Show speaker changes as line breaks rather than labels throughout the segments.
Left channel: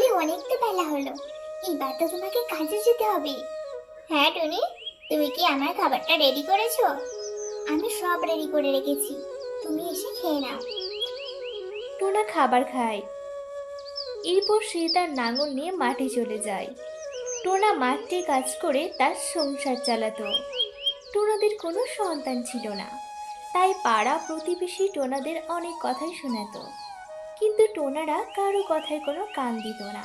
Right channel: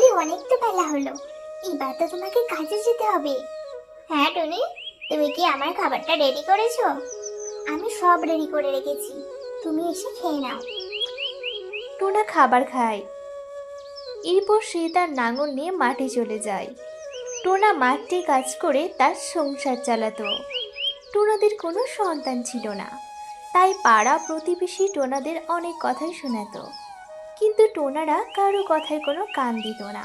অনেক তো বেলা হলো, এবার তো তোমাকে কাজে যেতে হবে। হ্যাঁ টুনি, তুমি কি আমার খাবারটা রেডি করেছো? আমি সব রেডি করে রেখেছি, তুমি এসে খেয়ে নাও।
টোনা খাবার খায়। এরপর সে তার নাঙল নিয়ে মাঠে চলে যায়। টোনা মাঠে কাজ করে তার সংসার চালাতো। টোনাদের কোনো সন্তান ছিল না, তাই পাড়া প্রতিবেশী টোনাদের অনেক কথাই শোনাতো, কিন্তু টোনারা কারো কথায় কোনো কান দিত না।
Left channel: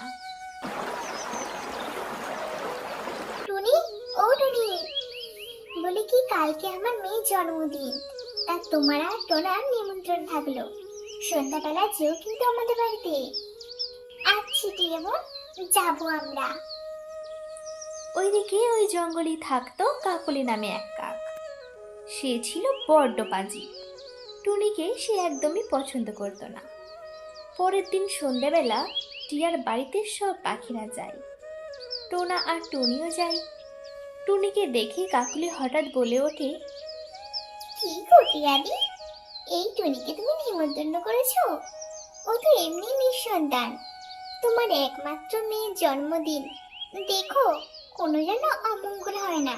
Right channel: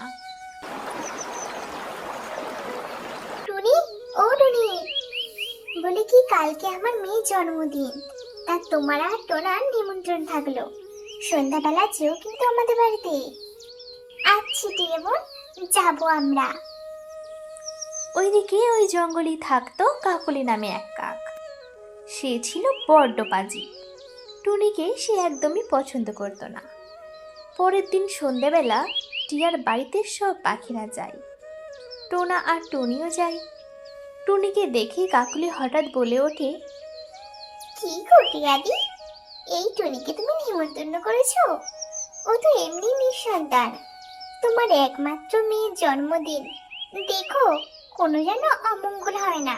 টুনি, ও টুনি, বলে কি কালকে আমার মেয়ের জন্মদিন, তা তোমার আর টোনার নিমন্ত্রণ থাকলো, সন্ধ্যাবেলা যেও কিন্তু আমাদের বাড়িতে। আচ্ছা টিয়ে বোন, যাবো আমরা।
ওইদিকে ওই জঙ্গলেই থাকতো কাকলি নামে এক কাক। সে ছিল বড্ড পাজি। টুনিকে সে একদমই পছন্দ করত না। পরের দিন সন্ধ্যাবেলা টিয়ার বাড়িতে সব পাখিরা যায়। টোনা আর টুনিও যায়। টুনিকে দেখে কাকলি হঠাৎ বলে ওঠে,
কি গো টিয়াদি, এই টুনিকে তুমি নিমন্ত্রণ করেছো? ও তো এমনি নিঃসন্তান, তোমার একমাত্র মেয়ের জন্মদিন, দেখো কোনো যেন অমঙ্গল হয় না।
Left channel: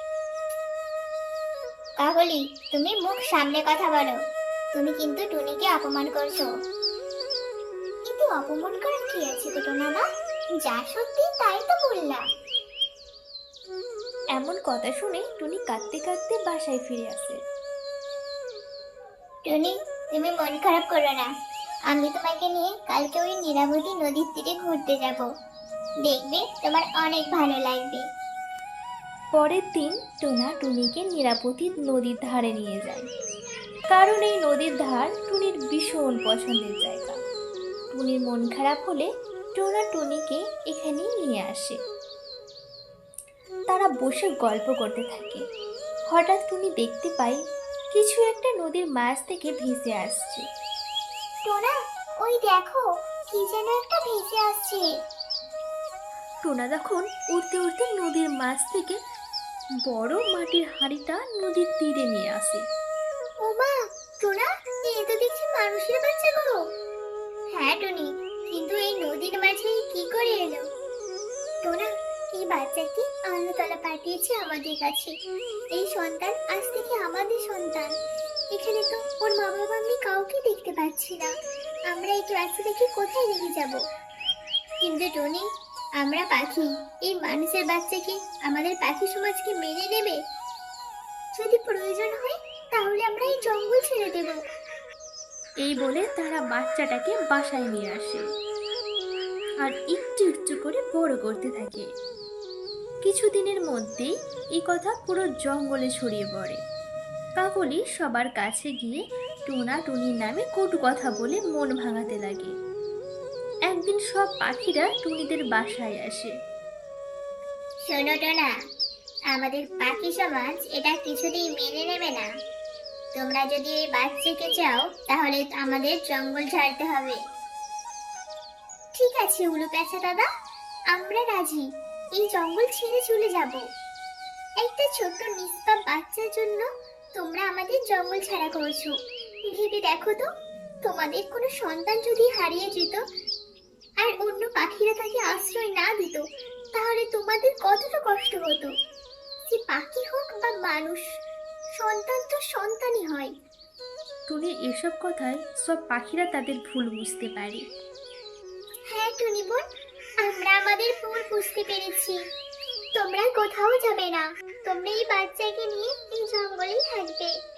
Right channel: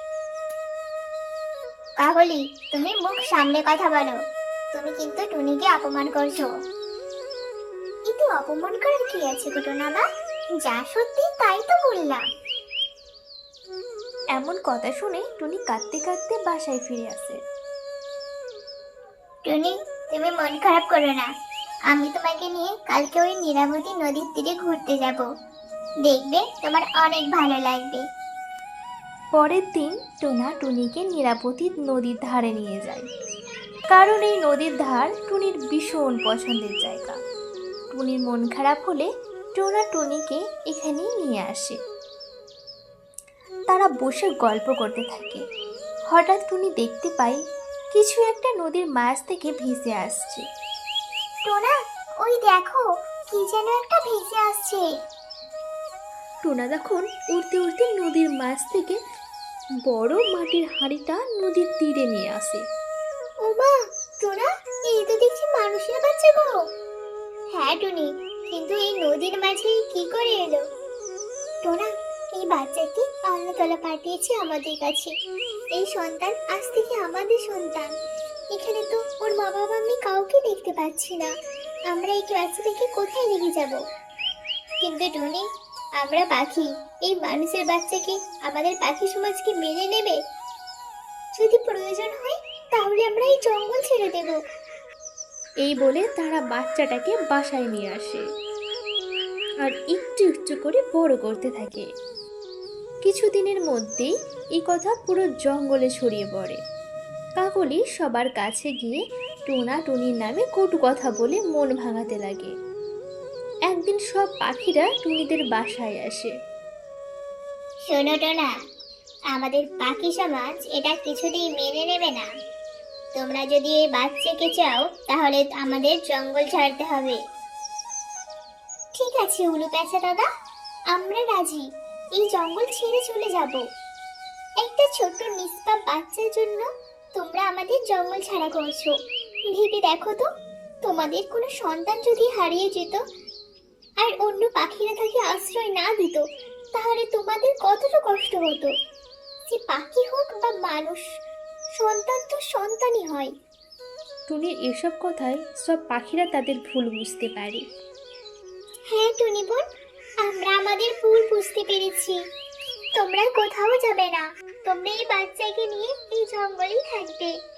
কাকলি, তুমি মুখ সামলে কথা বলো, তুমি কিন্তু টুনিকে অপমান করছো। কিন্তু অপমান করার কি আছে গো টোনাদা, যা সত্যি তাই তো বললাম।
এমন কথা শুনে টুনি কাঁদতে কাঁদতে বাসায় ফিরে আসে।
টুনি, তুমি মন খারাপ করো না, আমি তোমাকে নিয়ে কালকে ওই নীলাবতী নদীর তীরে ঘুরতে যাব, দেখবে তোমার অনেক ভালো লাগবে।
পরের দিন টোনা টুনিকে নীলাবতী নদীর ধারে নিয়ে যায়, কারণ এই নদীর ধার টুনির ভীষণ পছন্দের জায়গা। টুনির মন খারাপ হলে টোনা টুনিকে এখানেই নিয়ে আসে। তারা বসে গল্প করতে থাকে। হঠাৎ টুনি দেখতে পায় কিছু একটা নদীর মাছ থেকে ভেসে আসছে।
টোনা, ওই দেখো, কি যেন একটা ভেসে আসছে।
টোনা তখন উড়তে উড়তে নদীর মাছ থেকে বড় মাটির হাঁড়িটা নদীর তীরে নিয়ে আসে।
ও মা, টোনা, এই তো দেখছি মানুষের বাচ্চা গো। হ্যাঁ টুনি, কিন্তু এই নদীর মাঝে কি করে এলো? টোনা, এই বাচ্চাটি আল্লাহতাআলা পাঠিয়েছে আমাদের কাছে, এই সন্তান আজ থেকে আমাদের সন্তান। এখানে তো ওর মা বাবা আমি কাউকে দেখতে পাচ্ছি না, আমরা এই বাচ্চাটাকে কোথায় রেখে যাব? কিন্তু টুনি, আমরা পাখি, এই মানুষের বাচ্চাকে আমাদের পাখি সমাজকে মেনে নেবে? যদি প্রয়োজন হয় তাহলে আমরা এই জঙ্গল ছেড়ে দেব।
এই বলে তারা বাচ্চাটাকে বাসায় নিয়ে আসে আর একটু একটু করে বড় করতে থাকে। কিছুদিনের মধ্যেই এই কথা পুরো জঙ্গলে ছড়িয়ে পড়ে। কাকলি সবার কাছে গিয়ে টোনা টুনির নামে কটু কথা বলে মন ভাঙাতে লাগে। একদিন সব পাখিরা টুনিদের বাসায় আসে।
শোনো টোনা, আমাদের পাখি সমাজ এটা কিছুতেই মেনে নেবে না। তোমরা যদি এই বাচ্চাকে চাও তাহলে আমাদের জঙ্গল ছাড়তে হবে। ঠিক আছে উলু প্যাঁচা দাদা, আমরা রাজি, এই জঙ্গল ছেড়ে চলে যাব। একটা ছোট্ট নিষ্পাপ বাচ্চার জন্য তোমরা আমাদের জঙ্গল ছাড়া করছো। ভেবে দেখো তো, তোমাদের কোনো সন্তান যদি হারিয়ে যেত আর অন্য পাখিরা তাকে আশ্রয় না দিত, তাহলে তোমাদের কতটা কষ্ট হতো। সে পাখি হোক বা মানুষ, সন্তান তো সন্তানই হয়।
টুনির এসব কথায় সব পাখিরা তাদের ভুল বুঝতে পারে।
হ্যাঁ টুনি বোন, আমরা আমাদের ভুল বুঝতে পেরেছি। তোমরা কোথাও যাবে না, তোমরা এই বাচ্চাকে নিয়ে এই জঙ্গলেই থাকবে।